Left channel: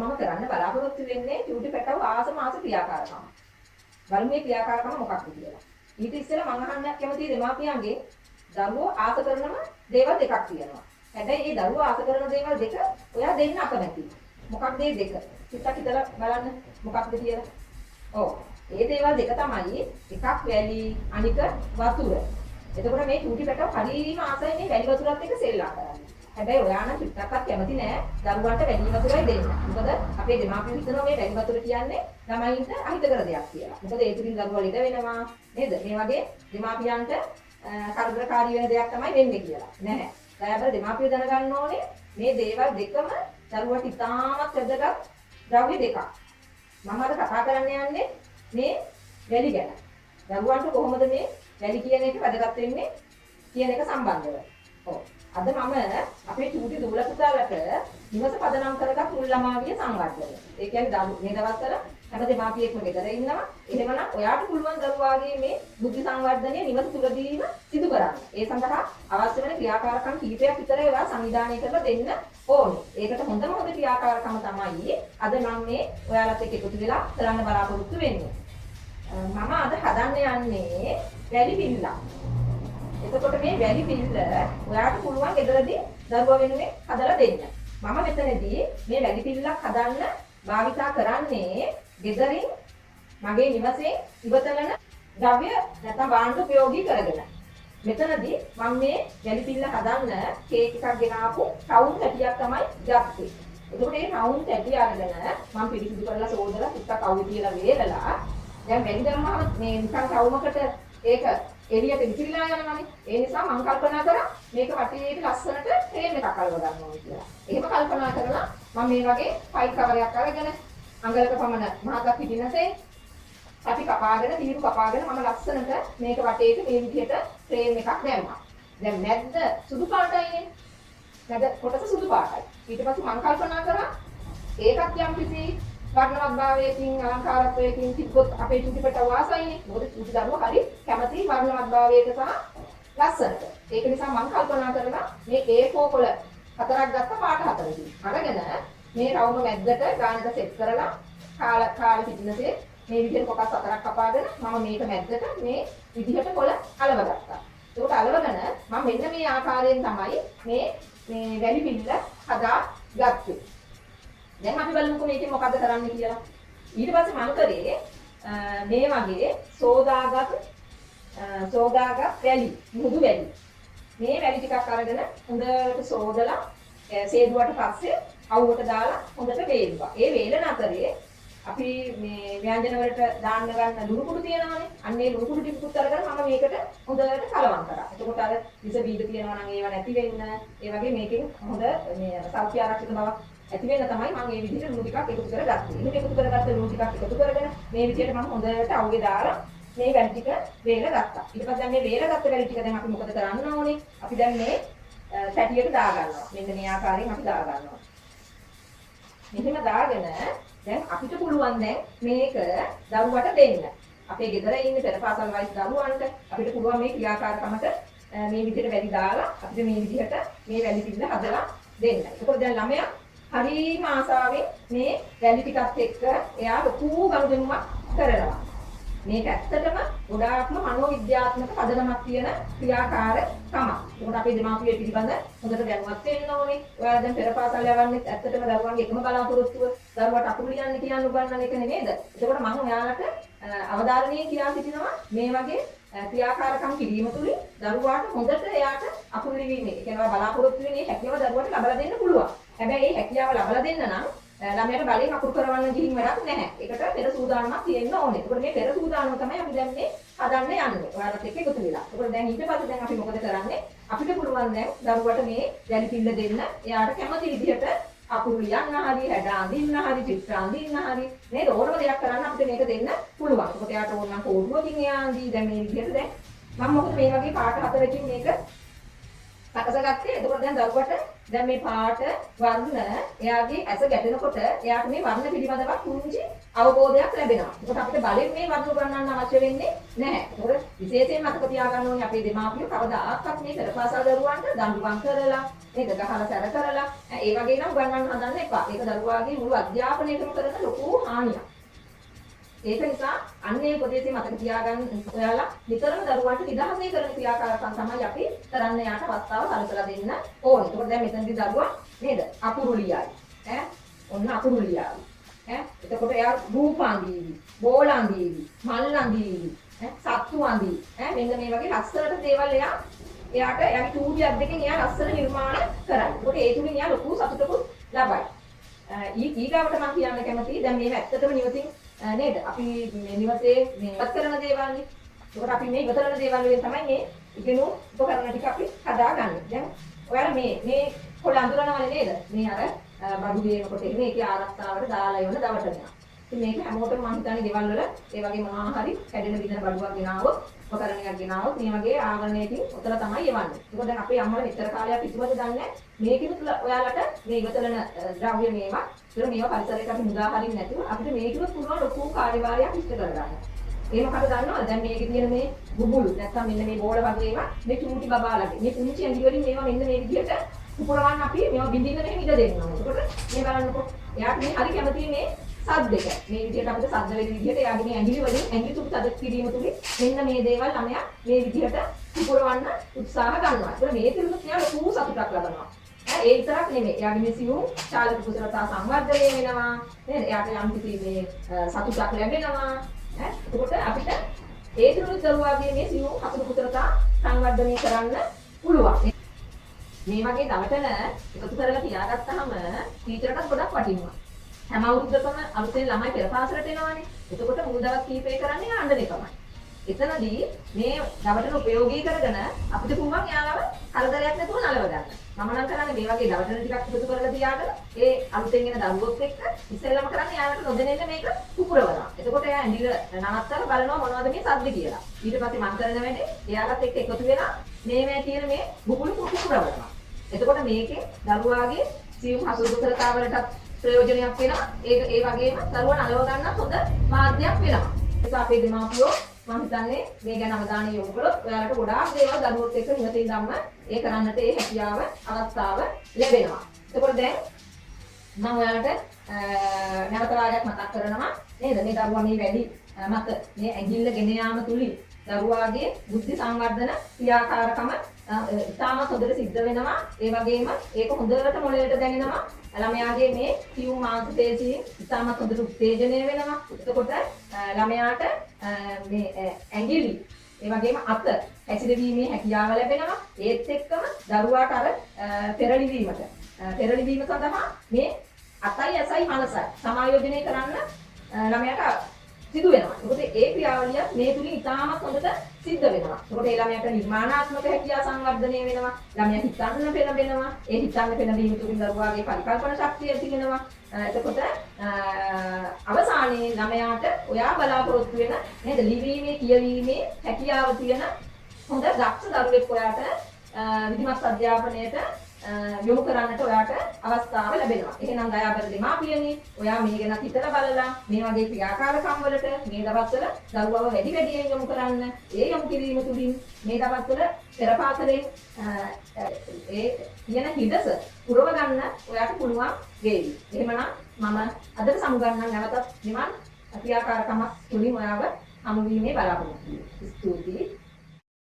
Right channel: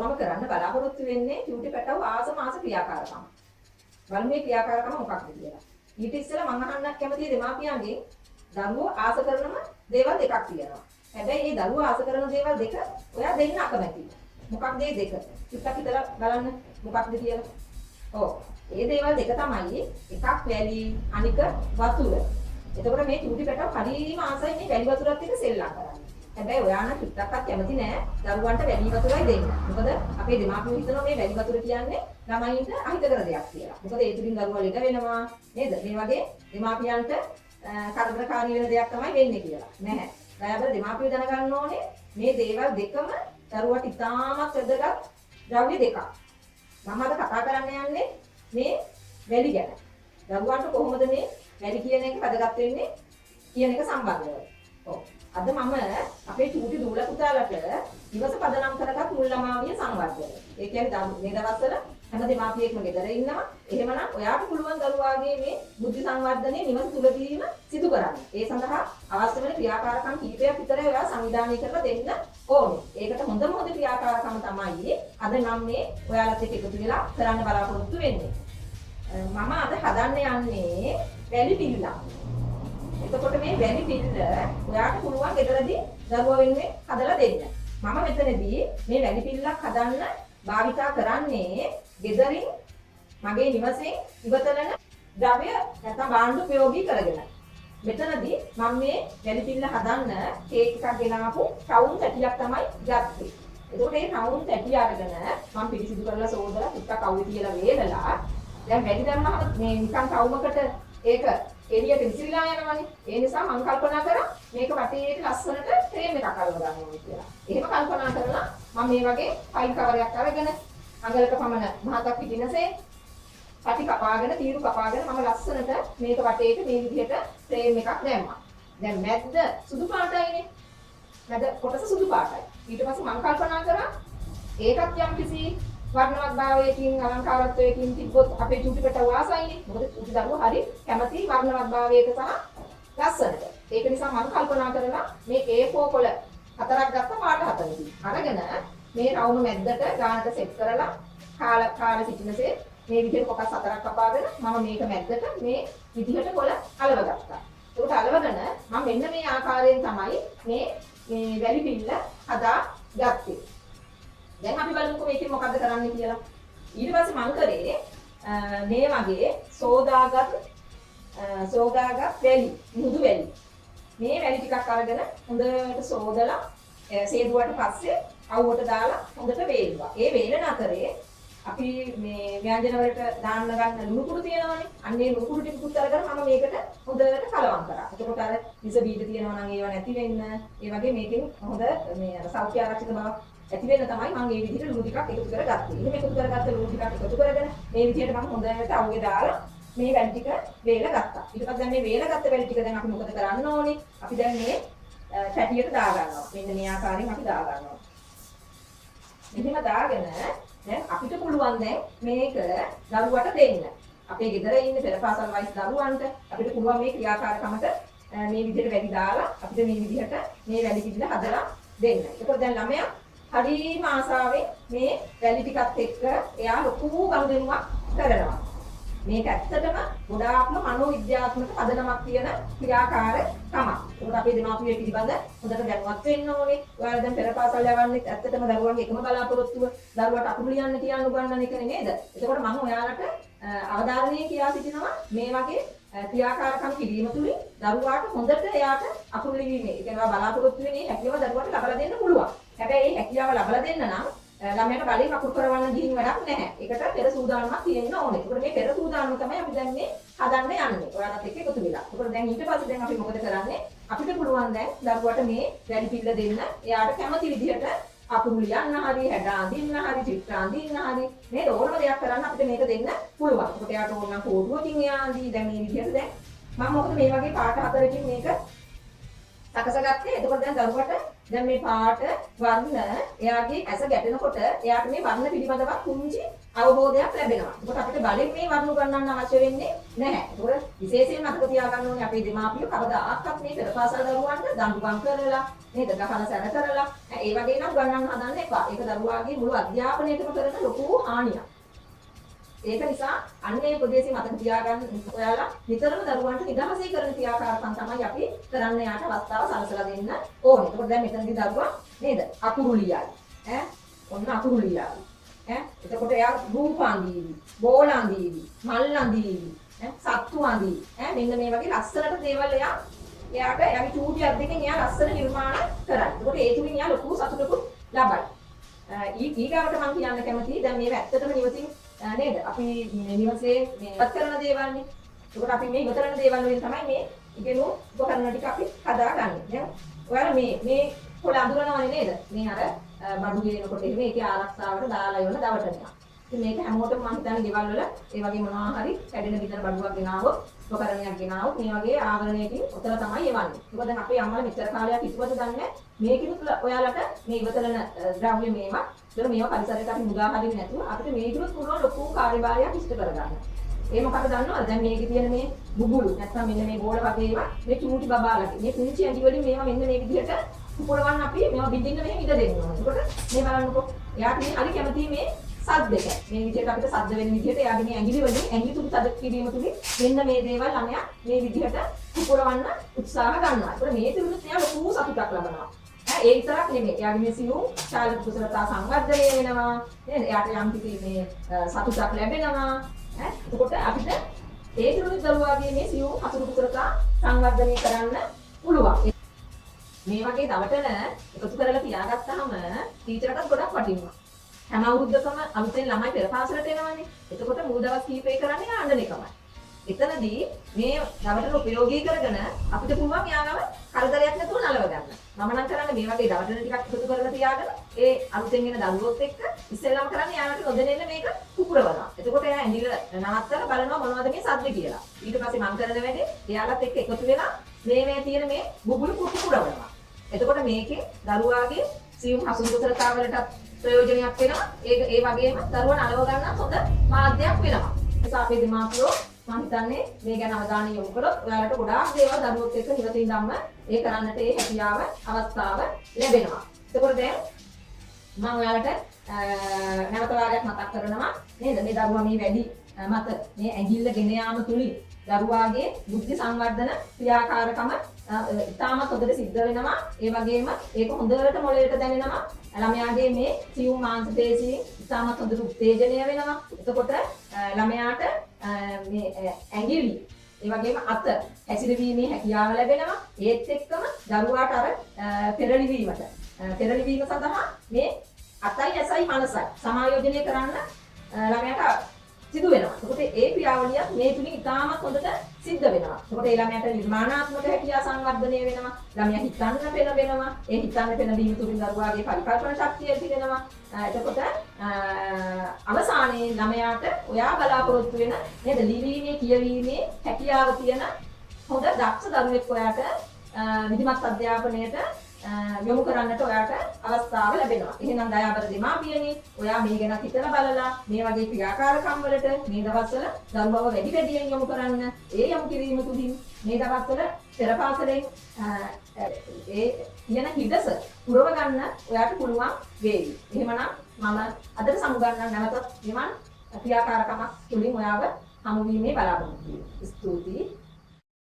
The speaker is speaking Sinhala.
මම කරන්න බලාපොරොත්තු වෙන්නේ චූටි පැටව ආස ක්‍රියාකාරකම්. බලමු මේ ක්‍රියාකාරකම මොකක්ද කියලා. ඊට ඉස්සෙල්ලා මම අහන්න කැමතියි දෙමාපියන්ගේ දරුවෝ ආස කරනම දේවල් දෙකක් තියෙනවා. හැබැයි මේ දරුවෝ ආස කරන දේවල් දෙක ඔයා දෙන්න අකමැති. මොකක්ද මේ දෙක? ටිකක් හිතලා බලන්න මොකක්ද කියලා. ඔව්. මේ දේවල් දෙක තමයි එකක් වැලි අනික වතුර. එතකොට මේ චූටි පැටව හරියම ආසයි මේ වැලි වතුරත් එක්ක සෙල්ලම් කරන්නේ. හැබැයි ඔයා නම් ටිකක්වත් කැමති නෑ දරුවන්ට වැලි වතුරයි දෙන්න. මොකද අපේ දෙමාපියෝ හිතනවා මේ වැලි වතුර කියන්නේ ළමයින්ට අහිතකර දෙයක් කියලා. මොකද ඒ තුලින් දරුවා ලෙඩ වෙනවා නේද? ඒ වගේ දෙමාපියන්ට කරදරකාරී වෙන දෙයක් තමයි වෙන්නේ කියලා. නැහැ. දයාබර දෙමාපියෝ දැනගන්න ඕනේ මේ දේවල් දෙකම දරුවට ඉතාමත් වැදගත් ද්‍රව්‍ය දෙකක්. මම අද කතා කරන්න යන්නේ මේ වැලි ගැන. දරුවන්ට කොහොමද මේ වැලි කියන එක වැදගත් වෙන්නේ කියන එක සම්බන්ධව. ඔව්. අද මම අපේ චූටි දූල පුතාලට ඉවස පදනම් කරගත් මුල් ළමාවිය සංවර්ධනය. ඒ කියන්නේ මේ දවස්වල හැම දෙමාපියෙක්ම ගෙදර ඉන්නවා. එහෙමනම් ඔයාට පුළුවන් දරුවාගේ මේ බුද්ධි සංවර්ධනය නිවස තුලදීම සිදු කරන්න. ඒ සඳහා අවශ්‍ය වෙන ක්‍රියාකාරකම් කිහිපයක් විතරයි ඔයා සංවිධානය කරලා දෙන්න ඕනේ. ඒකට හොඳම ක්‍රියාකාරකම තමයි අද මම මේ ඔයාලත් එක්ක එකතු වෙලා කරන්න බලාපොරොත්තු වෙන්නේ. මම අද හදන්න යන්නේ වැලි පිල්ලක්. එතකොට මේ වැලි පිල්ල ඔයාට පුළුවන් ගෙදරදී දරුවා වෙනුවෙන් හදලා දෙන්න. මම මෙතනදී මේ වැලි පිල්ලක් හදන්න භාවිතා කරන්නේ ගෙදරින් මගේ නිවසේ ඉවතලන ද්‍රව්‍ය නැත්නම් භාණ්ඩ ප්‍රයෝගී කරගෙන. මෙතනදී මම මේ වැලි පිල්ල හදන්න කේක් එකක් ගෙනාවු රවුම් තැටියක් තමයි ගත්තේ. එතකොට මේ රවුම් තැටිය අරගෙන මම පිරිසිදු කරලා සෝදලා ටිකක් අවුවේ තියලා වේලලා දැන් වැලි දැම්මම මේ නිකන් රවුමකට ඒක එළියට විසිරලා යනවානේ. ඒ නිසා මම කල්පනා කරා මේක වටේට ලස්සනට ෆ්‍රේම් එකක් අල්ල ගන්න ඕනේ කියලා. එහෙම කල්පනා කරලා මම මේ වගේ ෆයිල් කවරයක් අරගෙන අඟලක පමණ මහතක් පිටිනසේ පැටි කපාගෙන තීරු කපාගෙන මම ලස්සනට මේක වටේට මේ විදිහට ෆ්‍රේම් එකක් දැම්මා. දැන් මැද්ද සුදු පාටයිනේ. මැද කොටස සුදු පාටයි. ඊට පස්සේ මම කල්පනා කරා ඒකත් යම්කිසි වර්ණවත් භාවයකින් අලංකාරත්වයකින් තිබ්බොත් අපේ චූටි පැටව වාසයිනේ. මොකද චූටි දරුවා හරි කැමති වර්ණවත් භාවයක සහ ලස්සනට. ඒක නිසා මම කල්පනා කරලා මේ A4 කොළ හතරක් ගත්ත පාට හතරකින් අරගෙන මේ රවුම මැද්දට ගානට සෙට් කරලා කාල සිටිනසේ මේ විදිහට කොටස් හතරක් කපාගෙන මම මේක මැද්දට මේ විදිහට කොළ අලවගත්තා. ඒකට අලවගෙන මම මෙන්න මේ ආකාරයෙන් තමයි මේ වැලි පිල්ල හදා ගත්තේ. දැන් අපි බලමුකෝ මේකෙන් මොකද කරන්න කියලා. ඊට පස්සේ මම කරේ මේ වගේ සෝදාගත් වැලි, මුහුදු වැලි. මේ වැලි ටිකක් අරගෙන හොඳට සෝදලා සේදුවට පස්සේ අවුවට දාලා හොඳට වේලුවා. ඒ වේලන අතරේ අපි මේ ව්‍යංජන වලට දාන්න ගන්න ලුණු කුඩු තියෙනවානේ. අන්න ඒ ලුණු කුඩු ටිකකුත් අරගෙන මම මේකට හොඳට කලවම් කරා. එතකොට අර විස බීජ තියෙනවා නම් ඒවා නැති වෙන්න, ඒ වගේ මේකෙන් හොඳ මේ සෞඛ්‍ය ආරක්ෂිත බවක් ඇති වෙන තමයි මම මේ විදිහට ලුණු ටිකක් එකතු කරගත්තේ. එහෙම එකතු කරගත්ත ලුණු ටිකක් එකතු කරගෙන මේ විදිහට මම හොඳට අවුවේ දාලා මේ වැලි ටික වේලගත්තා. ඊට පස්සේ මේ වේලගත්ත වැලි ටික දැන් අපි මොකද කරන්න ඕනේ? අපි දැන් මේ තැටියට දා ගන්නවා. මෙන්න මේ ආකාරයෙන් අපි දා ගන්නවා. මෙහෙම දාගෙන දැන් අපිට පුළුවන් දැන් මේක දරුවට දෙන්න. අපේ ගෙදර ඉන්න පෙරපාසල් වයස දරුවන්ට අපිට පුළුවන් මේ ක්‍රියාකාරකමට මේ විදිහට වැලි දාලා අපිට මේ විදිහට මේ වැලි පිළ හදලා දෙන්න. ඒකෝ දැන් ළමයා හරිම ආසාවෙන් මේ වැලි ටිකත් එක්ක එයා ලොකු ගනුදෙනුවක් කරනවා. මේක ඇත්තටම ගොඩාක්ම මනෝවිද්‍යාත්මක පදනමක් තියෙන ක්‍රියාකාරකමක්. ඒකට අපි දෙමාපියෝ පිළිබඳ හොඳට දැනුවත් වෙන්න ඕනේ. ඔයාලා දැන් පෙරපාසල් යවන්නේ ඇත්තටම දරුවන්ගේ එකම කලාපුරොත්තුව දරුවට අකුරු ලියන්න කියන උගන්වන එක නේද? ඒකට මම ඔයාලට අවධාරණය කියා සිටිනවා මේ වගේ ක්‍රියාකාරකම් කිරීම තුළින් දරුවාට හොඳට එයාට අකුරු ලිවීමේ ඒ කියන්නේ බලාපොරොත්තු වෙන්නේ හැකියාව දරුවට ලබා දෙන්න පුළුවන්. හැබැයි මේ හැකියාව ලබා දෙන්න නම් ළමයාට බලෙන් අකුරු කරවන්න ගිහින් වැඩක් නැහැ. ඒකට පෙර සූදානමක් තියෙන්න ඕනේ. ඒකට මේ පෙර සූදානම තමයි අපි දැන් මේ හදන්න යන්නේ. ඔයාලත් එක්ක එකතු වෙලා. ඒකට දැන් ඊට පස්සේ දැන් අපි මොකද කරන්නේ? අපිට පුළුවන් දැන් දරුවට මේ වැලි පින්න දෙන්න. එයාට කැමති විදිහට අකුරු ලියන්න හරි, හැඩ අඳින්න හරි, චිත්‍ර අඳින්න හරි නේද? ඕනම දෙයක් කරන්න අපිට මේක දෙන්න පුළුවන්. ඒකට එයාට ඕන නම් කෝඩුවකින් එයාදී දැන් මේ විදිහට දැන් මම මොකද මේ වගේ පාට හතරකින් මේක සකසගත්තේ. එතකොට දැන් දරුවට දැන් මේ පාට වර්ණ එයාගේ ඇස ගැටෙනකොට එයාට මේ වර්ණ පිළිබඳව පුංචි අවබෝධයක් ලැබෙනවා. ඒකට අපිට බලෙන් මේ වර්ණ උගන්වන්න අවශ්‍ය වෙන්නේ නැහැ. ඒකට විශේෂයෙන් මතක තියාගන්න ඕනේ අපේ දෙමාපියෝ කවදාකවත් මේ පෙරපාසල් දරුවන්ට දඬුවම් කරලා නේද ගහන සැර කරලා ඒ වගේ නම් උගන්වන්න හදන්න එපා. ඒක දරුවාගේ මුළු අධ්‍යාපනයටම කරන ලොකු හානියක්. ඒක නිසා අන්නේ උපදේශي මතක තියාගන්න ඔයාලා නිතරම දරුවන්ට නිදහසේ කරන ක්‍රියාකාරකම් තමයි අපි කරන්න යාට අවස්ථාව සලසලා දෙන්න ඕනේ. ඒකෝට දැන් මෙතනදී දරුවා නේද අකුරු ලියයි. ඔන්න අකුරු ලියයි. එතකොට එයා රූපාන්දීවි, බෝලන්දීවි, මල්ලන්දීවි, සත්තු අඳී. මෙන්න මේ වගේ ලස්සනට දේවල් එයාට එයාගේ චූටියක් දෙකෙන් එයා ලස්සන නිර්මාණ කරන්නේ. ඒකෝට ඒ තුලින් එයා ලොකු සතුටකුත් ලබයි. ඊගාවට මම කියන්න කැමතියි දැන් මේව ඇත්තටම නිවසින් නේද අපි මේ නිවසේ මේ ඉවත් කරන දේවල්නේ. ඒකට අපි මේ ඉවත් කරන දේවල් වලින් තමයි මේ ඉගෙනු උපකරණ ටික අපි හදාගන්නේ. දැන් ඔයාලා මේ පොළ අඳුරනවනේ නේද? මේ අර බඩු ගේනකොට මේකේ ආරක්ෂාවට දාලා යොන්න දවටනවා. ඉතින් මේක හැමෝටම මම හිතන්නේ ගෙවල් වල ඒ වගේ මොනවා හරි කැඩෙන විදිහට බඩුවක් ගෙනාවොත් උපකරණයක් ගෙනාවොත් මේ වගේ ආවරණයකින් උතන තමයි යවන්නේ. ඒක දැන් අපේ අම්මලා මෙච්චර කාලයක් කිසිවද දන්නේ මේකිනුත් ඔයාලට මේ ඉවතරන ද්‍රව්‍ය මේවා ඒක මේවා පරිසරයට අපි මුදා හරින්නේ නැතුව අපිට මේකිනුත් පුළුවන් ලොකු කාර්යභාරයක් ඉෂ්ට කරගන්න. ඒ මොකද දන්නවද? දැන් මේකේ තියෙන මේ බුබුලු නැත්නම් මෙන්න මේ බෝල වගේ ඒවා මේ චූටි බබාලගේ මේ පුංචි ඇඟි වලින් මේවා මෙන්න මේ විදිහට උපුරවන්න අපි මේවා බින්දින්න මෙහෙම ඉඩ දෙන්නවා. එතකොට මේ බලන්නකො එයාට මේ හරි කැමතියි මේ සද්දෙක. මේ විදිහට අපිට සද්ද වෙන විදිහට එයාගේ මේ ඇඟිලි වලින් ඇඟිලි තුඩු තද කිරීම තුලින් මෙන්න මේ දේවල් ළමයා මේ විදිහට උපුරවන්න උත්සාහ ගන්නවා. ඒතකොට මේ තුනත් එයා ලොකු සතුටක් ලබනවා. ඒ විතරක් නෙමෙයි. එයාගේ මේ සියුම් ශාරීරික කුසලතා සංවර්ධනය වෙනවා. නේද? එයාට යම් කිසි මේ සතුටක් ලැබෙනවා. එතකොට අපිට ඒ තුනත් දරුවාගේ මේ සියුම් හසුරු කුසලතා සංවර්ධනය කරන්න පුළුවන්. මේ වගේ දවටන එකතු කරලා තියාගත්තාම ටීචර්ටත් ගොඩක් වටිනවා. හැම අවුරුද්දකම අලුතෙන් ළමයි පෙරපාසලට එනවානේ. එතකොට මුල් දවස් කීපේ කරන්නේ අඬන එකමයි. එතනදී මේ දවටන ප්‍රයෝගී කරගෙන අපිට පුළුවන් යාලව කරදරයක් නැතුව නලව ගන්න. මම නම් කරන්නේ මේ වගේ දවටන ටිකක් එකතු කරලා තියාගෙන ඒ අලුතෙන් එන දරුවොත් එක්ක ඉස්සෙල්ලාම කරන්නේ යාලට නොදෙනෙන්න මේක පුපුරවනවා. එතකොට එයා ඇඬිල නවත්තලා බලනවා මොනවද මේ සද්ද කියලා. ඊට පස්සේ මම කරන වැඩේ එයාලත් එක්ක එකතු වෙලා මේ තියෙන මේ බුබුලු පුපුරවනවා. එතකොට මේකේ දරුවාගේ සියුම් හසුරු කුසලතාවලට ප්‍රයෝජනයක් වෙනවා. ඒ වගේම දරුවා නලව ගන්න හොඳ මාධ්‍යයක් වෙනවා. ඒ නිසා අපේ දෙමාපියෝ මම හිතන්නේ මේ ගැන අවධානය යොමු කළොත් ඔයාලට ගොඩාක් දේවල් දරුවොත් එක්ක නිවසින් ධම්ම ඒ කරන්නට ඒ හැකියාව අවස්ථාව ලැබෙනවා. එතකොට දැන් මම ඔයාලට නැවත වාරයක් මතක් කරනවා නේද? මේ දරුවා මේ වැඩි මත මේ ඇඟිල්ල ගෙන යාම තුලින් දරුවාගේ බුද්ධි සංවර්ධන ක්‍රියාකාරකම ඉතාමත් හොඳට සිද්ධ වෙනවා. ඒ වගේම ඒක හොඳට මොළයට දැනෙනවා. ළමයාගේ මේ සියුම් මාංශ පේශීන් ඉතාමත් හොඳට උත්තේජනය වෙනවා. එතකොට ළමයාට මේ ඇඟිලි ඒ වගේම අත හැසිරවීමේ හැකියාව ලැබෙනවා. ඒත් එක්කම දරුවාට අර තෙරලිවීම සඳහා මේ අතයි ඇසයි මනසයි සමායෝජනය කරන්න ළමයාට සිදු වෙනවා. ඒකට ඒ ක්‍රියාවලිය මේ තුලින් ඉතාමත් හොඳට සිද්ධ වෙනවා. ඒකට ඒ ළමයාට නිර්මාණාත්මක හැකියාව සංවර්ධනය වෙනවා. ළමයා හිතන්න පෙළඹෙනවා. ඒ හිතන්න පෙළඹීම තුලින් දරුවාගේ පරිකල්පන ශක්තිය ඇති වෙනවා. එතකොට අවසානයේ ළමයාට ඔයා බලාපොරොත්තු වෙන නේද ලිවීමේ කියවීමේ හැකියාව තියෙන හොඳ දක්ෂ දරුවෙක් ඔයාට විධිමත් අධ්‍යාපනයට යොමු කරන්නට ඔයාට අවස්ථාව ලැබෙනවා. එහෙනම් දයාබර දෙමාපියනි, ඔයා මේ ගැන හිතලා බලලා මේ වගේ ක්‍රියාකාරකම් වලට මේ දවස්වල දරුවව වැඩියෙන් යොමු කරන්න. ඒ යොමු කිරීම තුලින් මේ දවස්වල පෙරපාසලෙන් ඒ තියෙන හිතස පුරව ගන්න ඔයාට පුළුවන් වේවි. එහෙමනම් මම අද සමුගන්න නැවතත් නිවන් ක්‍රියාකාරකමක් තුලින් ඔයාව හමු වීමේ බලාපොරොත්තු වෙනවා. ස්තුතියි.